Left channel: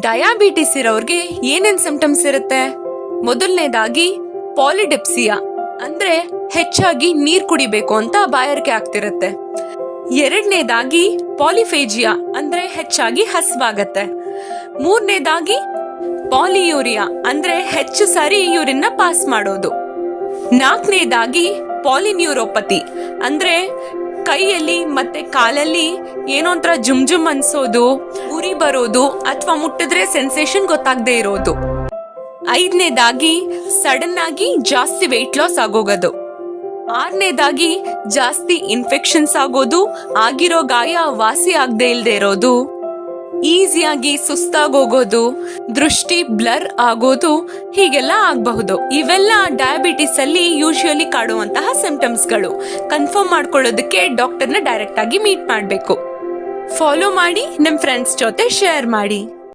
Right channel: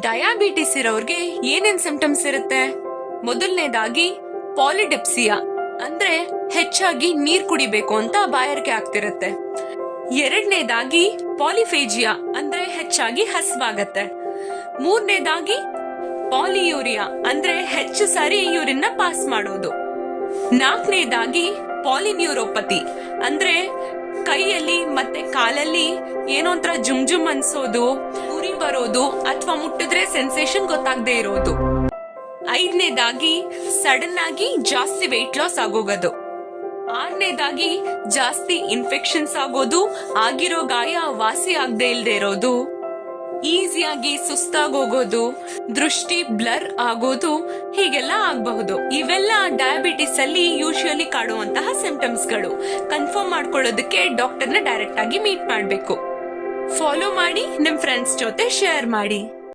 Diabetes ಇರೋರ್ಗೆ ಏನೇನ್ symptoms ಇರುತ್ತೆ? ಮೊದಲನೇದಾಗಿ ಪಾಲಿಡಿಪ್ಸಿಯಾ ಅಂದ್ರೆ ಹೆಚ್ಚಾಗಿ ನೀರ್ ಕುಡಿಬೇಕು ಅಂತ ಬಾಯಾರಿಕೆ ಆಗ್ತಿರುತ್ತೆ. ಎರಡನೇದಾಗಿ ಪಾಲಿಫೇಜಿಯಾ ಅಂದ್ರೆ ಹೆಚ್ಚಾಗಿ ಹಸ್ವಾಗತ್ತೆ. ಮೂರನೇದಾಗಿ ಪಾಲಿಯೂರಿಯಾ ಅಂದ್ರೆ ಹೆಚ್ಚು ಸಾರಿ ಯೂರಿನ್ ಪಾಸ್ ಮಾಡೋದು. ನಾಲ್ಕನೇದಾಗಿ ಪಾಲಿನ್ಯೂರೋಪತಿ ಅಂದ್ರೆ ಕೈಯಲ್ಲಿ ಮತ್ತೆ ಕಾಲಲ್ಲಿ ಏನೋ ಒಂಥರ ಜುಮ್ ಅನ್ಸೋದು, ಉರಿ ಬರೋದು ಅಥವಾ ಮುಟ್ಟಿದ್ರೆ ಸೆನ್ಸೇಷನ್ ಗೊತ್ತಾಗದೆ ಇರೋದು. ಐದನೇದಾಗಿ ಸಡನ್ ಆಗಿ ಜಾಸ್ತಿ ವೆಯ್ಟ್ ಲಾಸ್ ಆಗೋಗೋದು. ಆರನೇದಾಗಿ ಜಾಸ್ತಿ ಇನ್ಫೆಕ್ಷನ್ಸ್ ಆಗೋದು, ಆಗಿರೋ ಗಾಯ ವಾಸಿ ಆಗದೆ ಇಲ್ದೇ ಇರೋದು, ಈಸಿಯಾಗಿ ಸುಸ್ತಾಗೋಗೋದು, ದೃಷ್ಟಿ ಬ್ಲರ್ ಆಗೋದು, ಹೀಗೆಲ್ಲ ಆಗಬಹುದು. ಇವೆಲ್ಲ ಡಯಾಬಿಟಿಸ್ ಅಲ್ಲಿ ಯೂಶುವಲಿ ಕಾಡುವಂತಹ ಸಿಂಪ್ಟಮ್ಸ್ಗಳು. ಕನ್ಫರ್ಮ್ ಮಾಡ್ಕೊಳ್ಳೋದಕ್ಕೆ ಡಾಕ್ಟರ್ನ ಡೈರೆಕ್ಟ್ ಆಗಿ ಮೀಟ್ ಮಾಡಬೇಕು. ಫಾಲೋ ಮಾಡಿ, ನಿಮ್ ಫ್ರೆಂಡ್ಸ್ ಜೊತೆ ಶೇರ್ ಮಾಡಿ.